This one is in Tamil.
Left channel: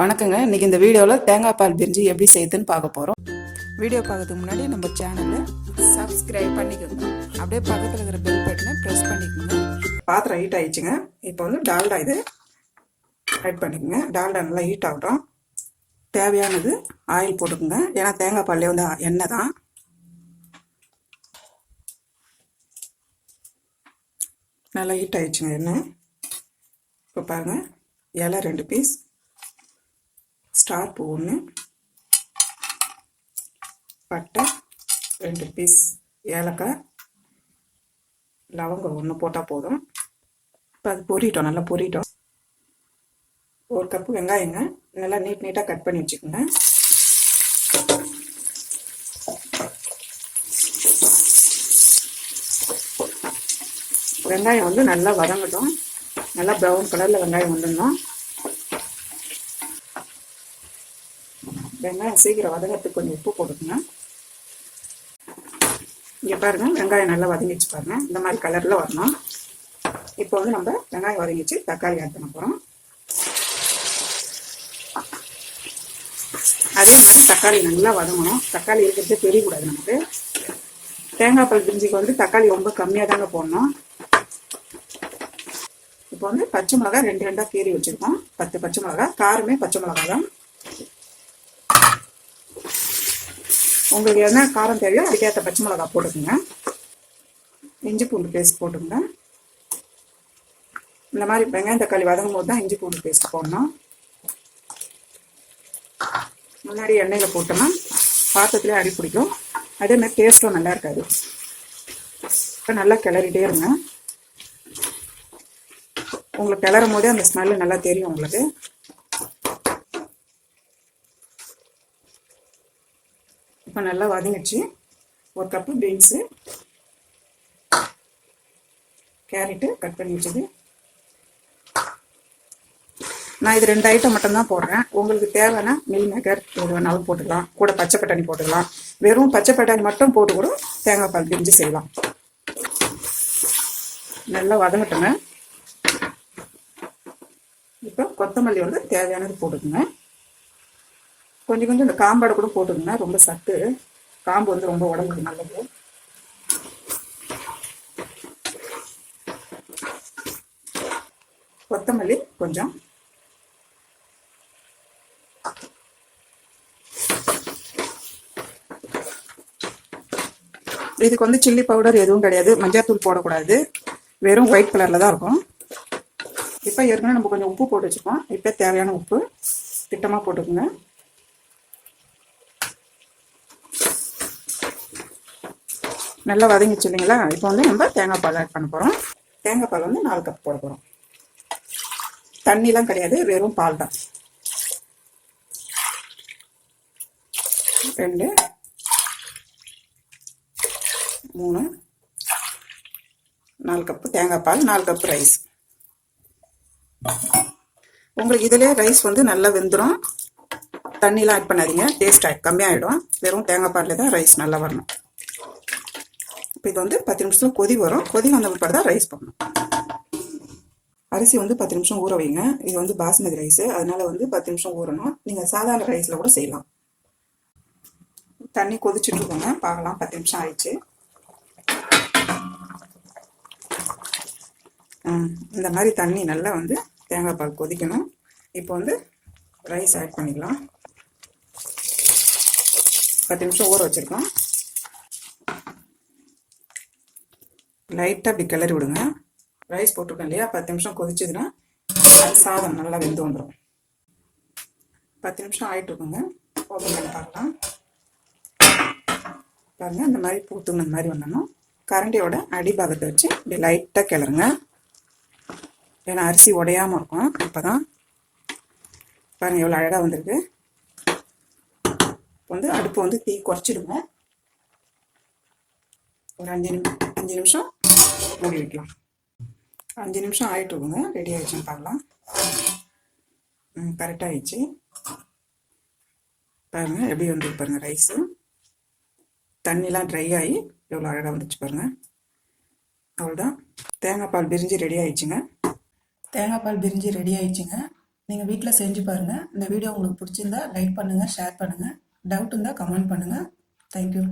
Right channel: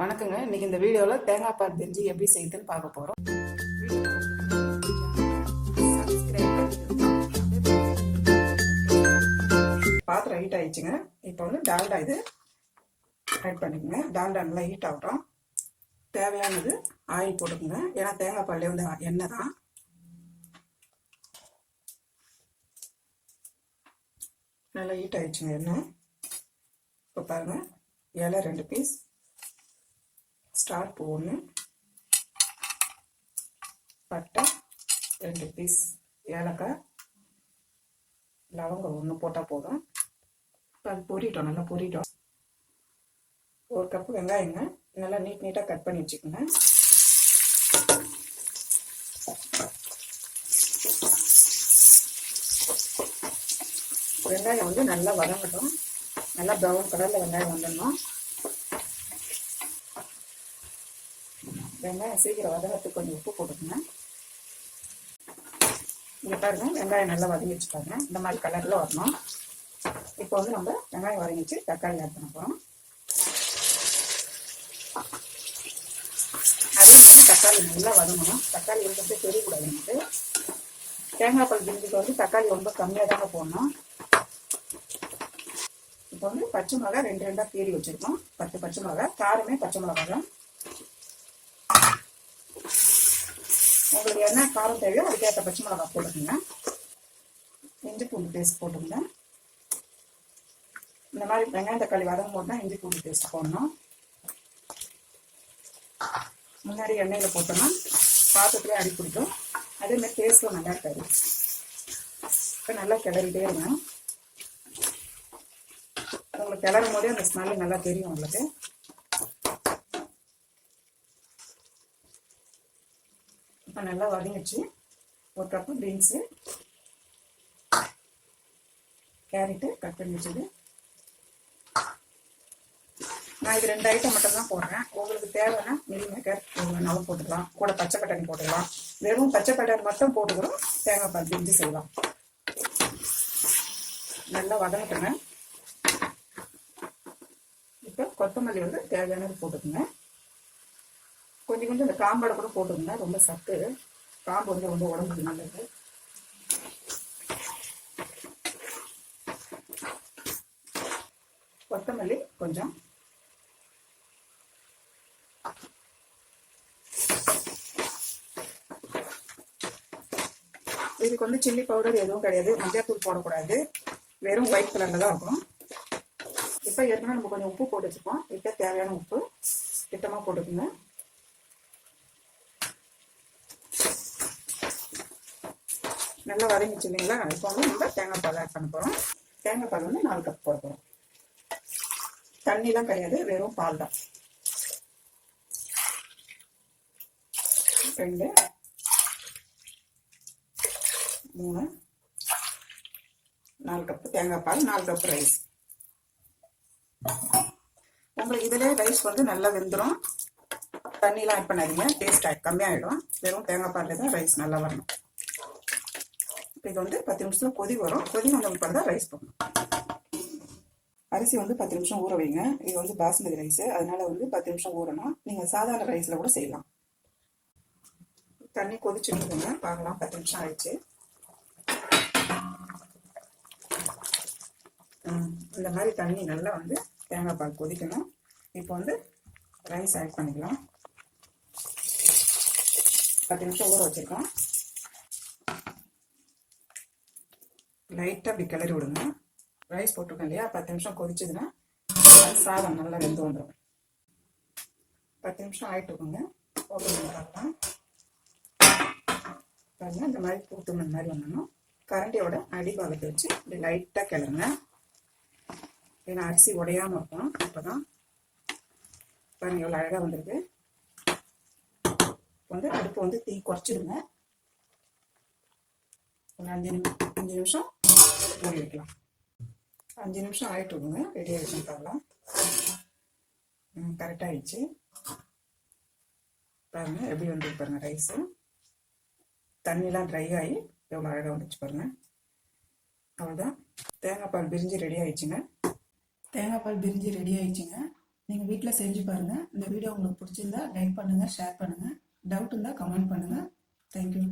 வணக்கங்க. இன்னைக்கு இந்த வீடியோவில் தேங்காய் பால் பிரிஞ்சி எப்படி செய்யுதுன்னு பார்க்க போகிறோம். வீடியோ பார்க்கறதுக்கு முன்னாடி நம்ம சேனலை சப்ஸ்கிரைப் பண்ணிக்கோங்க. அப்படியே பக்கத்தில் இருக்கிற பெல் பட்டனை ப்ரெஸ் பண்ணிக்கோங்க. பாத்திரம் ஹீட் ஆயிடுச்சுங்க. இப்போ வந்து டால்டா இது ஆட் பண்ணிக்கோங்க. டால்டா நல்லா ஹீட் ஆகட்டும். தேவையானது ஆயில் போட்டுக்கோங்க. ஏன்னா தேங்காய் பால்லே வந்து எண்ணெய் தான். நல்லா ஹீட் ஆயிடுச்சுங்க எண்ணெய். இப்போ பாருங்கள், இலை 2 பீஸ், ஸ்டார் பூ 1, பட்டை 2 பீஸ், ஏலக்காய், லவங்கம் 1 போட்டால் போதும். இப்போ அது பொரிட்டோம், நல்லா பொரிட்டோம். 1 கப்பு வெங்காயங்க, நல்லா நீட்டாக கட் பண்ணி வச்சுக்கோங்க. வெங்காயம் வந்து நல்லா வதங்கட்டும். நல்லா ப்ரௌன் கலரில் வெங்காயம் வந்துடணும். வெங்காயம் சீக்கிரம் வதங்கிறதுக்கு கொஞ்சம் உப்பு போட்டுக்கோங்க. இங்கே பாருங்கள், வெங்காயம் நல்லா வதங்கிச்சு பாருங்கள். இந்த மாதிரி கலரில் வரணும். இப்போ வந்து நம்ம வெங்காயம் வதங்கிச்சு தக்காளி ஆட் பண்ண போகிறோம். அதே மாதிரி தக்காளி நல்லா வதங்கணும். தக்காளி இருக்கிறதே தெரியக்கூடாது நமக்கு. தேங்காய் பால் பிரிஞ்சிக்கு வந்து தக்காளி ரொம்ப கம்மியாக தாங்க போடணும். இப்போ வந்து பச்சை மிளகா 2 கீறி வச்சுருக்கோம். 10 பச்சை மிளகா, காரமே பச்சை மிளகா தான். உங்களுக்கு என்ன காரம் தெரியும் அதுக்கேற்ற பச்சை மிளகா போட்டுக்கோங்க. இஞ்சி பூண்டு பேஸ்ட் போட்டுக்கோங்க. இந்த மாதிரி வெங்காயம் தக்காளி வதங்கும் போது தான் இஞ்சி பூண்டு பேஸ்ட் போடணும். முன்னாடி எண்ணெயில் போட்டோம்னா பாத்திரத்துலேயே அடி பிடிக்கும். அதே மாதிரி டேஸ்ட்டும் நல்லா இருக்காது. இப்போ நல்லா கிளறிட்டே இருங்க. உங்களுக்கு கிளறும் போதே அந்த ஸ்மெல்லு நல்லா தெரியும் உங்களுக்கு. இப்போ நல்லா வதங்கிடுச்சு. 1 கப்பு பீன்ஸு, கேரட்டு கட் பண்ணி வச்சுது. நான் இது 2 ஐட்டம் மட்டும்தான் போடுறேன். உங்களுக்கு தேவைன்னா மில் மேக்கர் எது வேணாலும் போட்டுக்கலாம். கூட பச்சை பட்டாணி போட்டுக்கலாம். வெறும் பச்சை பட்டாணி மட்டும் போட்டு கூட தேங்காய் பால் பிரிஞ்சி செய்யலாம். நல்லா வதங்கட்டுங்க. இப்போ கொத்தமல்லி வந்து தேவையானது போட்டுக்குங்க. கொஞ்சம் இந்த காம்பாடை கூட போட்டுக்கோங்க. ரொம்ப சத்து, காம்பு வந்து ரொம்ப உடம்புக்கு நல்லது. கொத்தமல்லி கொஞ்சம், இதுக்கு வந்து சில்லி பவுடர் எதுவும் கிடையாது, மஞ்சள் தூள் போடக்கூடாது, வெறும் ஒயிட் கலரில் தான் இருக்கும். இப்போ ஏற்கனவே நம்ம கொஞ்சம் உப்பு போட்டு வச்சுருக்கோம். இப்போ தேவையான உப்பு திட்டமாக போட்டுக்கோங்க. நல்லா வதங்கிச்சு இல்லைங்களா? இப்போ வந்து நம்ம தேங்காய் பால் ஆட் பண்ண போகிறோம். தேங்காய் பால் வந்து 4 கப் போட போகிறோம். தண்ணிலாம் கிடையாது, வெறும் பால் தான். 2, 3, 4 கப்பு தேங்காய் பால், 4 கப்பு ரைஸ். உங்களுக்கு இதிலே ரைஸ் வந்து நல்லா வெந்துடும். தண்ணிலாம் ஆட் பண்ணாதீங்க, டேஸ்ட் கம்மியாகிடும். வெறும் தேங்காய் பாலில் தான் ரைஸ் நல்லா வரணும். இப்போ இது வந்து 10 நிமிஷத்தில் கொதி வரும். கொதி வந்த பிற்பாடு தான் ரைஸ் போடணும். அரிசி வந்து 10 நிமிஷம் ஊற வைங்க. இது வந்து பாஸ்மதி ரைஸு, அதனால வந்து 10 நிமிஷம் ஊறணும். நீங்கள் சாதாரண ரைஸில் கூட செய்யலாம். தண்ணி கொதிச்சுட்டு இருக்கோங்க, பார்க்கலாம். 10 நிமிஷம் ஆயிடுச்சு. இந்த மாதிரி தண்ணி நல்லா வந்து தேங்காய் பால் கொதிக்கணும். இப்போ வந்து ரைஸ் ஆட் பண்ணிக்கலாம். 10 நிமிஷம் ஊற வச்சுருக்கோம். லைட்டாக அப்படி கிளறி விடுங்க. ரைஸ் போட்டிருக்கோம் இல்லையா, 10 நிமிஷம் கொதிச்சதுன்னா சாதம் நல்லா வெந்து வந்துடும். 10 நிமிஷம் ஆகிட்டு இருக்குங்க. ஓப்பன் பண்ணி பார்க்கலாம். பாருங்கள், இந்த மாதிரி போட்டுக்கணும். இந்த மாதிரி வந்துடணும். கரண்டியோட அடிபாகத்தை வச்சு இப்படி லைட்டாக கிளறுங்க. ஏன்னா அரிசி உடையாமல் இருக்கும். இப்போ தான் பாருங்கள் எவ்வளோ அழகாக வந்திருக்கு. வந்து அடுப்பை வந்து தீ குறைச்சிடுங்க. ஒரு 5 நிமிஷம் மூடி வைக்கலாம். 5 நிமிஷம் ஆகிட்டு இருக்குங்க. ரெடி ஆகிடுச்சுன்னு பார்க்கலாம். கரெக்டாக ஆகிடுச்சு. பாருங்கள் எப்படி வந்து பாருங்கள். ரைஸு தண்ணிலாம் ட்ரை ஆகி எவ்வளோ அழகாக வந்துச்சு பாருங்கள். அவ்வளோதான், தேங்காய் பால் பிரிஞ்சி ரெடி ஆயிடுச்சுங்க. தேங்காய் பால் பிரிஞ்சி ரெடி ஆயிடுச்சுங்க. நீங்கள் வீட்டில் செஞ்சு பாருங்கள். இந்த வீடியோ உங்களுக்கு பிடிச்சிருந்தா லைக் பண்ணுங்கள், ஷேர் பண்ணுங்கள். டவுட் இருந்தால் கமெண்ட் பண்ணுங்கள். தேங்க்யூ.